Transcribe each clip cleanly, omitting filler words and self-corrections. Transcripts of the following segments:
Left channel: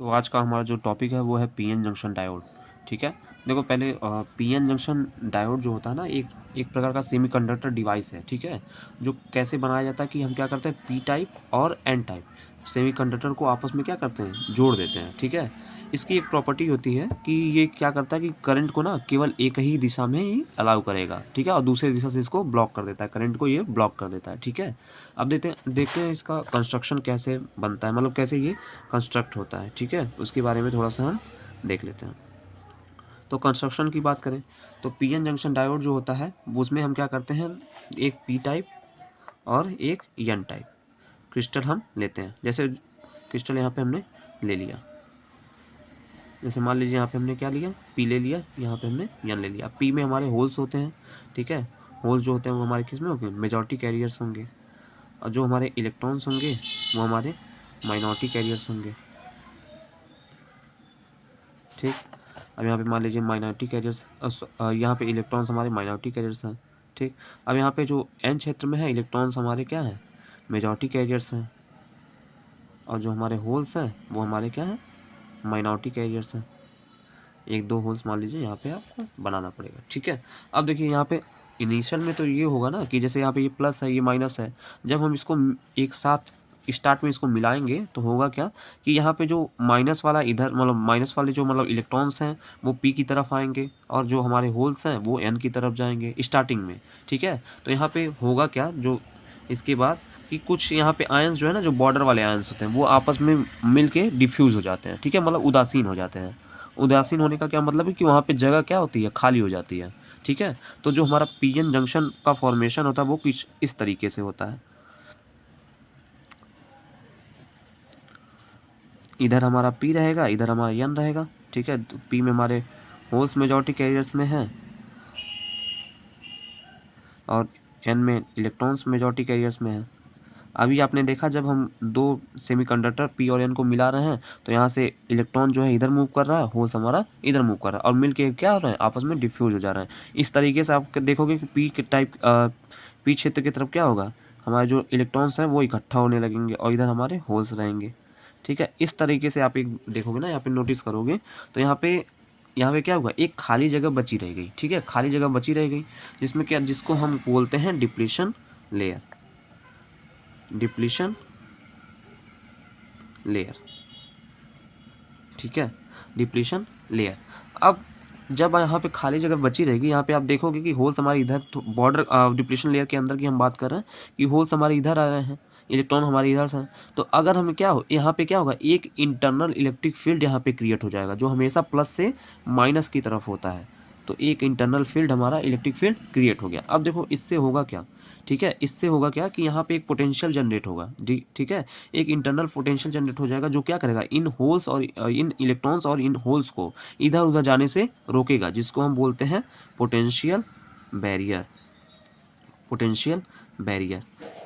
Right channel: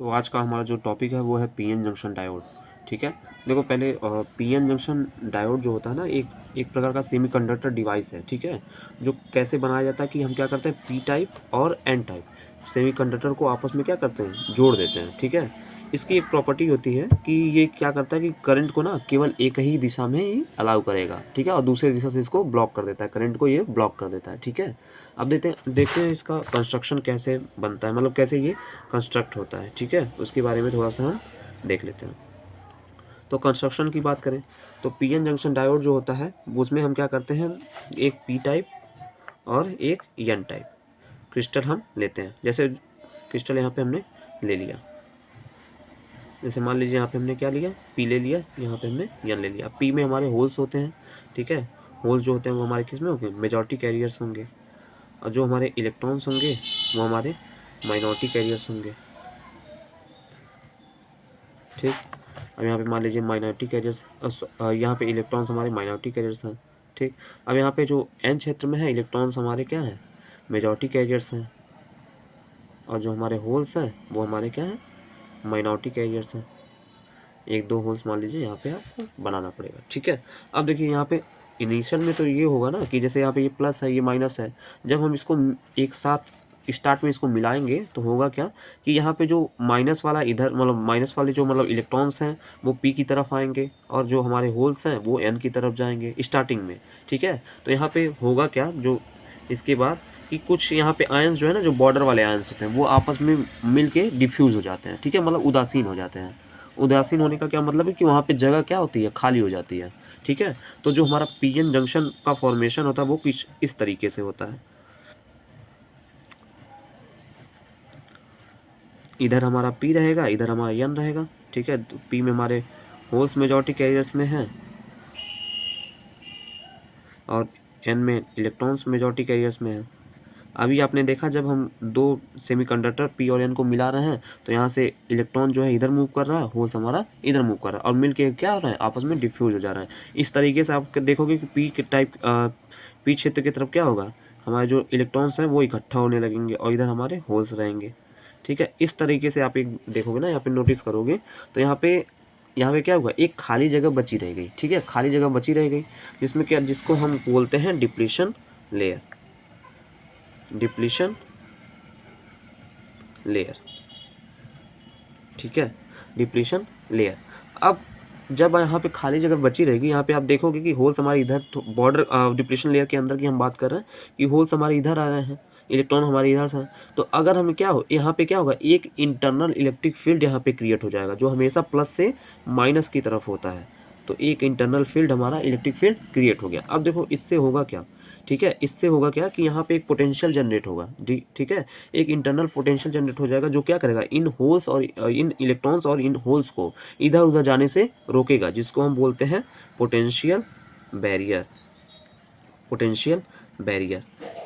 तो आज का हमारा जो टॉपिक है वो है पीएन जंक्शन डायोड। ठीक है, देखो पहले पीएन जंक्शन डायोड जो होता है ना एक प्रकार का सेमीकंडक्टर डिवाइस है। ठीक है, जो कैसे बनाया जाता है कि हम क्या करते हैं, पी टाइप और एन टाइप सेमीकंडक्टर को आपस में क्या करते हैं, जोड़ देते हैं। ठीक है, इसकी एक प्रॉपर्टी होती है कि ये क्या करता है कि करंट को ना केवल एक ही दिशा में ही अलाउ करेगा। ठीक है, और दूसरी दिशा से इसको ब्लॉक कर देता है, करंट को ये ब्लॉक कर देता है। ठीक है, अब देखते हैं इसका कंस्ट्रक्शन कैसे बनता है, मतलब कैसे ये कंस्ट्रक्ट होता है। ठीक है, उसके बारे में थोड़ा सा हम देख लेते हैं। तो कंस्ट्रक्शन की बात करें तो पीएन जंक्शन डायोड जो होता है उसमें हम क्या करते हैं, एक पी टाइप और एक एन टाइप क्रिस्टल हम लेते हैं। जैसे क्रिस्टल यहाँ पे हमने ले लिया, जैसे मान लीजिए यहाँ पे हमने क्या लिया, पी ले लिया, यहाँ पे हमने एन ले लिया। पी में हमारे होल्स होते हैं। ठीक है, होल्स जो होते हैं वो हमारे किस में होंगे, मेजॉरिटी कैरियर्स होंगे, और जो हमारे इलेक्ट्रॉन्स होंगे वो हमारे माइनॉरिटी कैरियर्स होंगे। ठीक, अब यहाँ पे मान लीजिए माइनॉरिटी कैरियर्स, यहाँ पे इलेक्ट्रॉन्स हमारे माइनॉरिटी कैरियर्स हैं। ठीक, अब यहाँ पे जो एन क्षेत्र में है इलेक्ट्रॉन्स हमारे क्या है, मेजॉरिटी कैरियर्स हैं, और जो हमारे होल्स हैं वो हमारे क्या है, माइनॉरिटी कैरियर्स हैं। एक दो होल्स मान लीजिए यहाँ पे आपको बनाना पड़ेगा। ठीक है, अब देखिए यहाँ पे इनिशियल में तो ये होगा ना कि जैसे यहाँ पे ये प्लस है ये माइनस है, जब हम इसको एक साथ स्टार्ट में इसको मिलाएंगे तो होगा क्या कि यहाँ पे जो माइनस वाला इधर, मतलब माइनस वाले जो मतलब इलेक्ट्रॉन्स हैं वो पी की तरफ आएंगे, और जो हमारे होल्स हैं वो एन की तरफ जाएंगे स्टार्टिंग में। ठीक है, तो यहाँ पे होगा क्या, जो इसके बाद कि कुछ यहाँ पे आयंस जो है ना, जो बॉर्डर वाले आयंस होते हैं वो आपस में मिल के डिफ्यूज़ हो जाते हैं। ठीक है, मतलब उदासीन हो जाते हैं। उदासीन होने का क्या मतलब है कि वहाँ पे जगह क्या होती है, खाली हो जाती है। ठीक है, तो जो हमारा पीएन जंक्शन का फॉर्मेशन होता है वो कुछ इस तरीके से होता है। इधर हमारा पी रहेगा, इधर हमारा एन रहेगा। ठीक है, तो पी में हमारे होल्स मेजॉरिटी कैरियर्स में है, और एन में इलेक्ट्रॉन्स मेजॉरिटी कैरियर्स में है। अभी आपने देखा जब हम दो सेमीकंडक्टर पी और एन को मिला रहे हैं तो यहाँ से इलेक्ट्रॉन जो है इधर मूव कर रहा है, होल्स हमारा इधर मूव कर रहा है, और मिलके क्या हो रहा है, आपस में डिफ्यूज हो जा रहा है। इस तरीके से आप देखोगे कि पी के टाइप पी क्षेत्र की तरफ क्या होगा, हमारे जो इलेक्ट्रॉन्स हैं वो इकट्ठा होने लगेंगे और इधर हमारे होल्स रहेंगे। ठीक है, इस तरीके से आप एक देखोगे ना, यहाँ पे नोटिस करोगे तो यहाँ पे क्या होगा, एक खाली जगह बची रह गई। ठीक है, खाली जगह बची रह गई जिसमें क्या, जिसको हम बोलते हैं डिप्लीशन लेयर। डिप्लीशन लेयर, ठीक है, डिप्लीशन लेयर। अब जब यहाँ पे खाली जगह बची रहेगी, यहाँ पे आप देखोगे कि होल्स हमारे इधर, बॉर्डर डिप्लीशन लेयर के अंदर की हम बात कर रहे हैं कि होल्स हमारे इधर आ रहे हैं, इलेक्ट्रॉन हमारे इधर से। तो अगर हमें क्या हो, यहाँ पे क्या होगा, एक इंटरनल इलेक्ट्रिक फील्ड यहाँ पे क्रिएट हो जाएगा जो हमेशा प्लस से माइनस की तरफ होता है। तो एक इंटरनल फील्ड, हमारा इलेक्ट्रिक फील्ड क्रिएट हो गया। अब देखो इससे होगा क्या, ठीक है, इससे होगा क्या कि यहाँ पे एक पोटेंशियल जनरेट होगा। ठीक है, एक इंटरनल पोटेंशियल जनरेट हो जाएगा जो क्या करेगा, इन होल्स और इन इलेक्ट्रॉन्स और इन होल्स को इधर उधर जाने से रोकेगा, जिसको हम बोलते हैं पोटेंशियल बैरियर। पोटेंशियल बैरियर,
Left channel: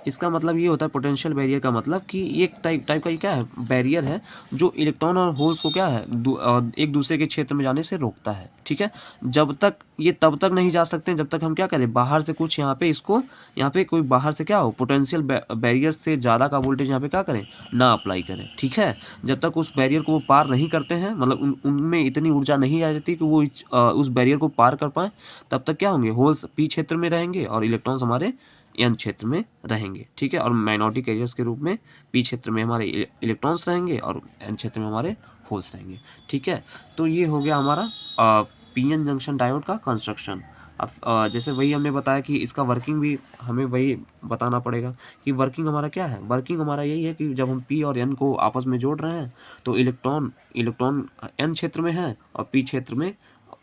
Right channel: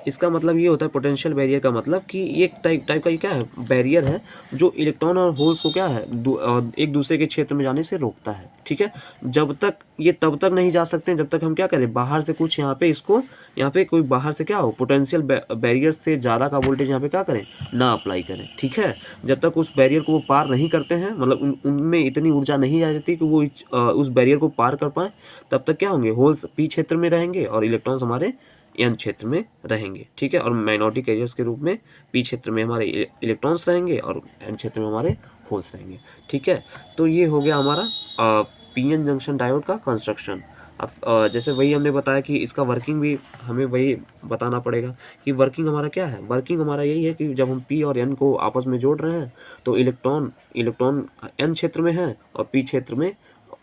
इसका मतलब ये होता है, पोटेंशियल बैरियर का मतलब कि ये एक टाइप का ये क्या है, बैरियर है जो इलेक्ट्रॉन और होल्स को क्या है, एक दूसरे के क्षेत्र में जाने से रोकता है। ठीक है, जब तक ये तब तक नहीं जा सकते जब तक हम क्या करें, बाहर से कुछ यहाँ पे इसको, यहाँ पे कोई बाहर से क्या हो, पोटेंशियल बैरियर से ज़्यादा का वोल्टेज यहाँ पे क्या करें, ना अप्लाई करें। ठीक है, जब तक उस बैरियर को वो पार नहीं करते हैं, मतलब उनमें इतनी ऊर्जा नहीं आ जाती कि वो उस बैरियर को पार कर पाए, तब तक क्या होंगे, होल्स पी क्षेत्र में रहेंगे और इलेक्ट्रॉन्स हमारे एन क्षेत्र में रहेंगे। ठीक है, और माइनॉरिटी कैरियर्स के रूप में पी क्षेत्र में हमारे इलेक्ट्रॉन्स रहेंगे और एन क्षेत्र में हमारे होल्स रहेंगे। ठीक है, तो ये हो गया हमारा पीएन जंक्शन डायोड का कंस्ट्रक्शन। अब जैसे वही हमने बताया कि इसका वर्किंग भी हमें वही बताना पड़ेगा कि वर्किंग हमारा क्या है। वर्किंग हमारा यही है कि जब हम पी और एन को आपस में जोड़ रहे हैं तो इलेक्ट्रॉन इलेक्ट्रॉन एन क्षेत्र में है और पी क्षेत्र में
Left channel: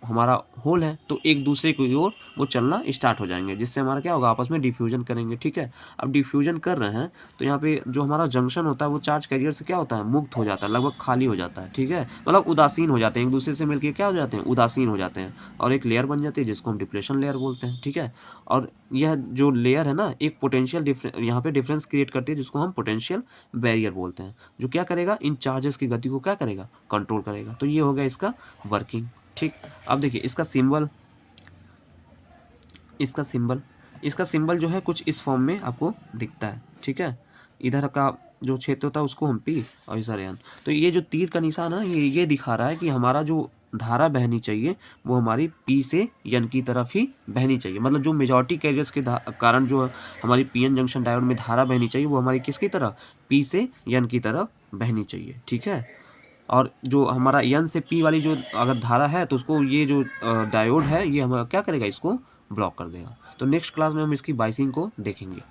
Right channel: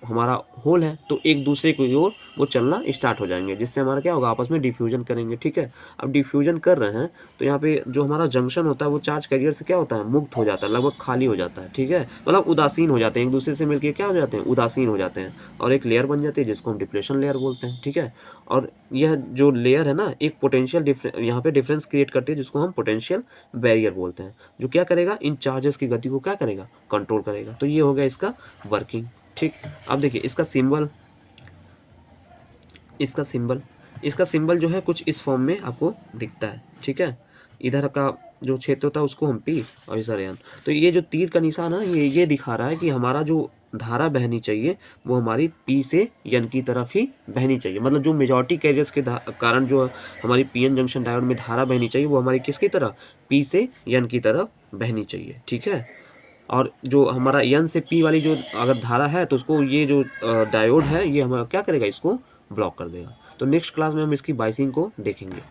हमारा होल है, तो एक दूसरे की ओर वो चलना स्टार्ट हो जाएंगे, जिससे हमारा क्या होगा, आपस में डिफ्यूजन करेंगे। ठीक है, अब डिफ्यूजन कर रहे हैं तो यहाँ पे जो हमारा जंक्शन होता है वो चार्ज कैरियर से क्या होता है, मुक्त हो जाता है, लगभग खाली हो जाता है। ठीक है, मतलब उदासीन हो जाते हैं, एक दूसरे से मिलकर क्या हो जाते हैं, उदासीन हो जाते हैं, और एक लेयर बन जाती है जिसको हम डिप्लेशन लेयर बोलते हैं। ठीक है, और यह जो लेयर है ना, एक पोटेंशियल यहाँ पे डिफरेंस क्रिएट करती है जिसको हम पोटेंशियल बैरियर बोलते हैं, जो क्या करेगा, इन चार्जेस की गति को क्या करेगा, कंट्रोल करेगा। तो ये हो गया इसका वर्किंग। ठीक, अब देखिए इसका सिंबल, इसका सिंबल जो है कुछ इस फॉर्म में आपको दिखता है। ठीक है, इधर का जो क्षेत्र होता है उसको हम पी और ये सारे एन। तो ये जो तीर का निशान है ये दिखा रहा है कि हमारा जो धारा बहनी चाहिए वो हमारी पी से एन की तरफ ही बहनी चाहिए। मतलब जो मेजॉरिटी कैरियर्स के कारण जो हमारी पीएन जंक्शन डायोड में धारा बहनी चाहिए वो हमारी किसकी तरफ, पी से एन की तरफ बहनी चाहिए। ठीक है, और जो हमारा एन से पी वाली जो अगर धारा है तो उसको ये जो डायोड है ये हमारा क्या करेगा, इसको ब्लॉक कर देगा। तो नेक्स्ट क्लास में हम इसकी बाइसिंग को देखेंगे।